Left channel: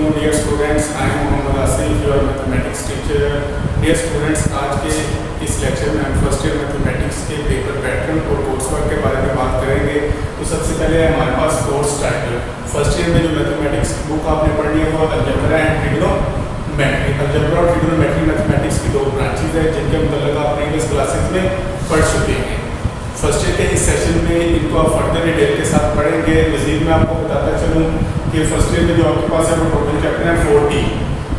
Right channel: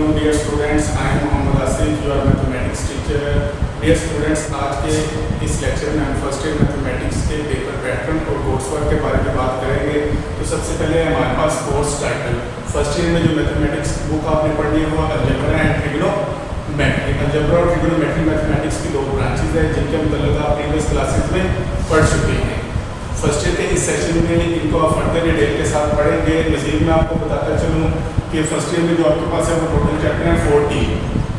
Afternoon dear students, I am Mohammad Asif, your mathematics teacher. Dear students, आज के इस lecture में हम फर्स्ट ईयर मैथमेटिक्स के पेपर पैटर्न और कोर्स वर्क के बारे में बात करेंगे। तो सबसे पहले हमारे पास कोर्स टाइटल, फर्स्ट ईयर में जो मैथमेटिक्स बुक आपने पढ़ी है वो अलजेब्रा एंड ट्रिग्नोमेट्री। अलजेब्रा और ट्रिग्नोमेट्री मैथमेटिक्स की दो ब्रांचेज है जिनके मतलब आप प्रीवियस क्लासेस में पढ़ चुके हैं। फर्स्ट ईयर के इस सेशन में इनको आप फर्दर डिटेल के साथ पढ़ेंगे। मजीद मैं आपको बताता चलूँ कि फर्स्ट ईयर में जो आपके पास है वो टोटल चैप्टर है 40।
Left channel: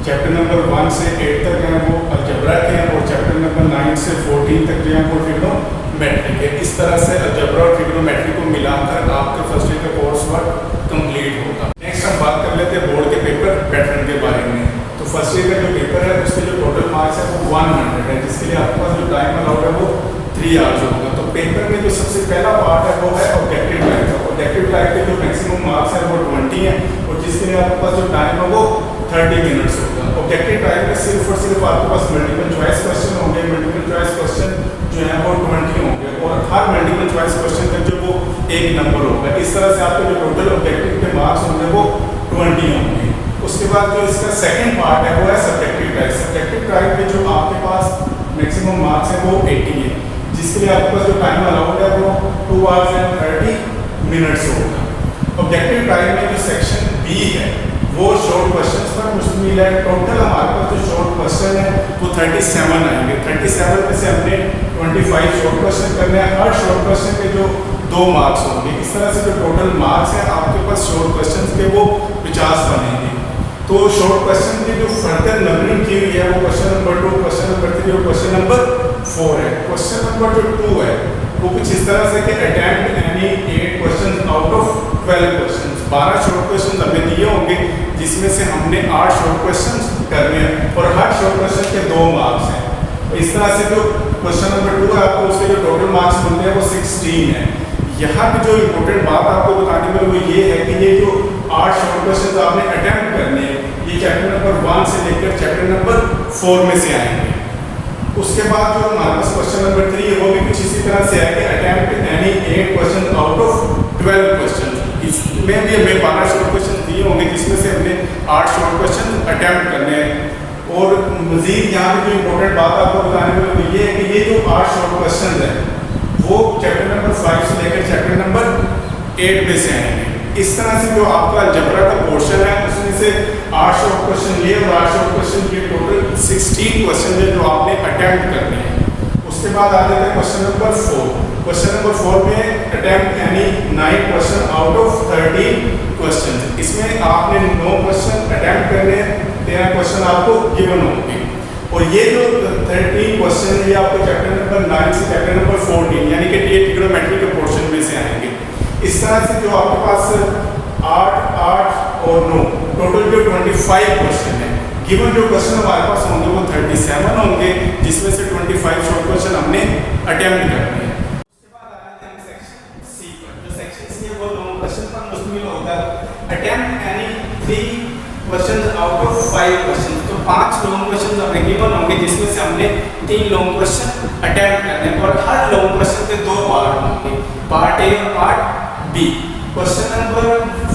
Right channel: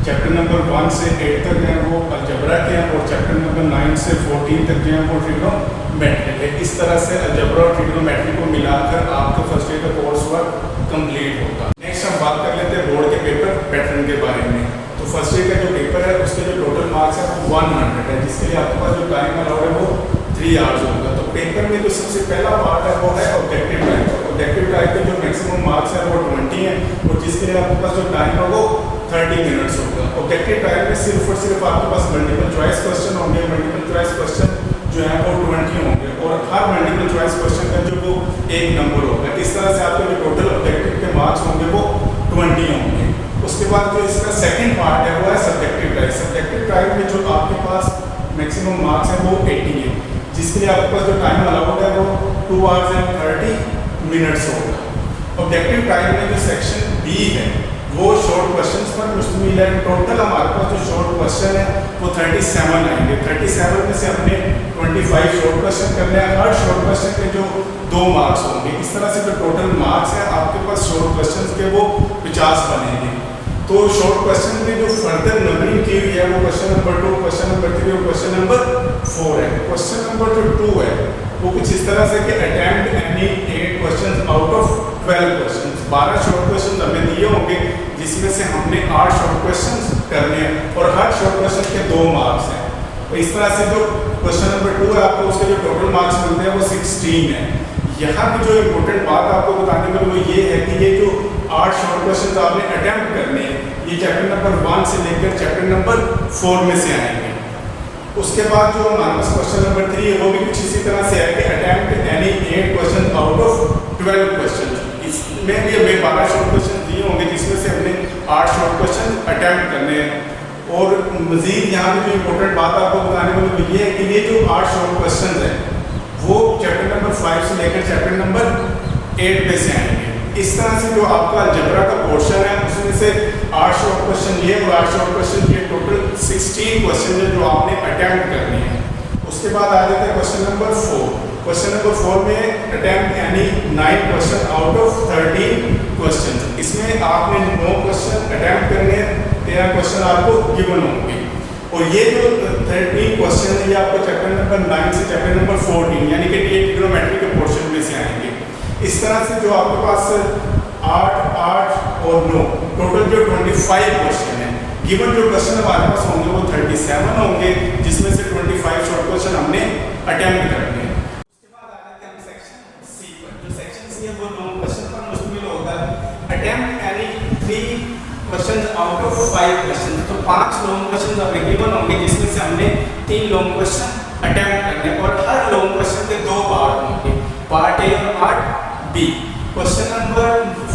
चैप्टर नंबर 1 से 8 तक हैं वो अलजेब्रा के हैं और चैप्टर नंबर 9 से 14 तक जो है वो ट्रिग्नोमेट्री के। इस तरह से अलजेब्रा और ट्रिग्नोमेट्री को मिलाकर आपके फर्स्ट ईयर का कोर्स वर्क कंप्लीट होगा। नेक्स्ट हम बात कर लेते हैं बोर्ड के पेपर पैटर्न के बारे में। तो फर्स्ट ईयर का जो पेपर है उसके जो टोटल मार्क्स है वो 100 है, जिसके लिए आपके पास जो टाइम अलाउड है वो 3 आवर्स होगा। तो पेपर में जो सबसे पहला पार्ट है वो है ऑब्जेक्टिव टाइप। ऑब्जेक्टिव टाइप के जो मैक्सिमम मार्क्स है वो 20 है और जिसके लिए आपके पास जो टाइम है वो 30 मिनट्स होगा। ऑब्जेक्टिव टाइप में सिर्फ और सिर्फ आपके पास मल्टीपल चॉइस क्वेश्चन होंगे। मल्टीपल चॉइस क्वेश्चन जो है वो 20 होंगे और हर मल्टीपल चॉइस क्वेश्चन का जो वो 1 नंबर होगा। इस तरह से आपके जो टोटल ऑब्जेक्टिव के मार्क्स होंगे वो 20 होंगे। उसके बाद जो इसका सेकंड पार्ट है वो है सब्जेक्टिव टाइप। सब्जेक्टिव टाइप में जो आपके पास मैक्सिमम मार्क्स है वो 80 है, जिसके लिए आपके पास जो टाइम अलाउड है वो 2 आवर्स एंड 30 मिनट्स होगा। ऑब्जेक्टिव टाइप में जो सेक्शन बी है वो शॉर्ट क्वेश्चंस पर मुश्तमिल है। टोटल हमारे पास जो शॉर्ट क्वेश्चन है वो 37 आएंगे। 37 में से हमने 25 शॉर्ट क्वेश्चन करने हैं। हर शॉर्ट क्वेश्चन के जो 2 मार्क्स होंगे। इस तरह से जो टोटल मार्क्स है आपके पास शॉर्ट क्वेश्चन के वो 50 बनेंगे। तो शॉर्ट क्वेश्चन में जो फर्दर नंबरिंग की हुई है वो क्वेश्चन नंबर 2, क्वेश्चन नंबर 3 और क्वेश्चन नंबर 4 है। क्वेश्चन नंबर जो 2 है वो कुछ इस तरह से कि attempt any 8 questions out of 12 questions. 12 short questions हमें दिए होंगे जिसमें से हमने 8 शॉर्ट क्वेश्चंस करने हैं और हर शॉर्ट क्वेश्चन के 2 मार्क्स हैं। तो इस तरह से जो क्वेश्चन नंबर 2 है आपको उसके जो टोटल मार्क्स मिलते हैं वो 16 है। यहाँ पे जो इम्पोर्टेंट बात आपको बताने में वो ये है कि ये जो 8 शॉर्ट क्वेश्चन आपने अटेम्प्ट करने हैं ये चैप्टर नंबर 1 से लेकर चैप्टर नंबर 4 में से आएंगे। उसके बाद जो हमारे पास क्वेश्चन नंबर 3 है वो भी कुछ इसी तरह से है कि attempt any 8 question out of 12 question. इसमें भी हमें 12 शॉर्ट क्वेश्चन दिए होंगे जिसमें से हमने 8 शॉर्ट क्वेश्चन अटेम्प्ट करने हैं। और मजीद यहाँ पे जो इम्पोर्टेंट बात आपको बताने में वो ये है कि ये जो 8 शॉर्ट क्वेश्चन है वो चैप्टर नंबर 5 से लेकर चैप्टर नंबर 8 में से आएंगे। इस तरह से जो आपका अलजेब्रा का पोर्शन है उसमें से 8 शॉर्ट क्वेश्चन ये और 8 शॉर्ट क्वेश्चन ये टोटल 16 क्वेश्चन है जो आपने अटेम्प्ट करने हैं। उसके बाद आ जाता है क्वेश्चन नंबर 4। क्वेश्चन नंबर 4 में अटेम्प्ट यानी 9 क्वेश्चन आउट ऑफ 13 क्वेश्चन। इसमें आपने 9 क्वेश्चन अटेम्प्ट करने हैं, 13 क्वेश्चन आपको गिवन होंगे। और ये जो 13 क्वेश्चन है ये आपको चैप्टर नंबर 9 से चैप्टर नंबर 14 यानी कि ट्रिग्नोमेट्री के पोर्शन में से आएंगे। इस तरह से जो आपके पास 8, 8 और 9 टोटल जो 25 क्वेश्चन है। गिवन जो क्वेश्चन हमारे पास होंगे वो 37 होंगे जिसमें से 25 शॉर्ट क्वेश्चन हमने अटेम्प्ट करने हैं। उसके बाद आ जाते हैं सेक्शन सी पर। जो सेक्शन सी है वो लॉन्ग क्वेश्चन पर मुश्तमिल होगा। अटेम्प्ट यानी 3 क्वेश्चंस आउट ऑफ 5 क्वेश्चन। तो 5 लॉन्ग क्वेश्चन हमें गिवन होंगे जिसमें से हमने 3 लॉन्ग क्वेश्चन अटेम्प्ट करने हैं और हर लॉन्ग क्वेश्चन के 2 पार्ट होंगे, पार्ट ए और पार्ट बी। क्वेश्चन नंबर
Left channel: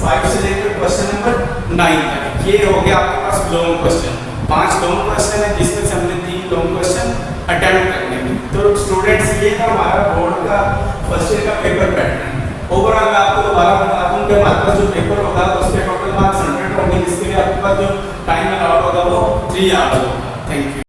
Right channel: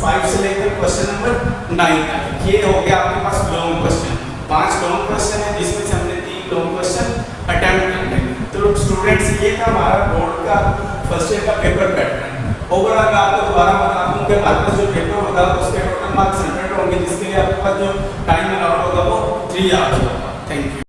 5 से लेकर क्वेश्चन नंबर 9 तक ये हो गया आपके पास लॉन्ग क्वेश्चन। 5 लॉन्ग क्वेश्चन है जिसमें से हमने 3 लॉन्ग क्वेश्चन अटेम्प्ट करने हैं। तो स्टूडेंट्स ये था हमारा बोर्ड का फर्स्ट ईयर का पेपर पैटर्न। ओवरऑल मैं आपको दोबारा बता दूं कि हमारे पास जो पेपर होगा उसके टोटल मार्क्स 100 होंगे जिसके लिए आपके पास जो टाइम अलाउड होगा वो 3 आवर्स होगा। Thank you.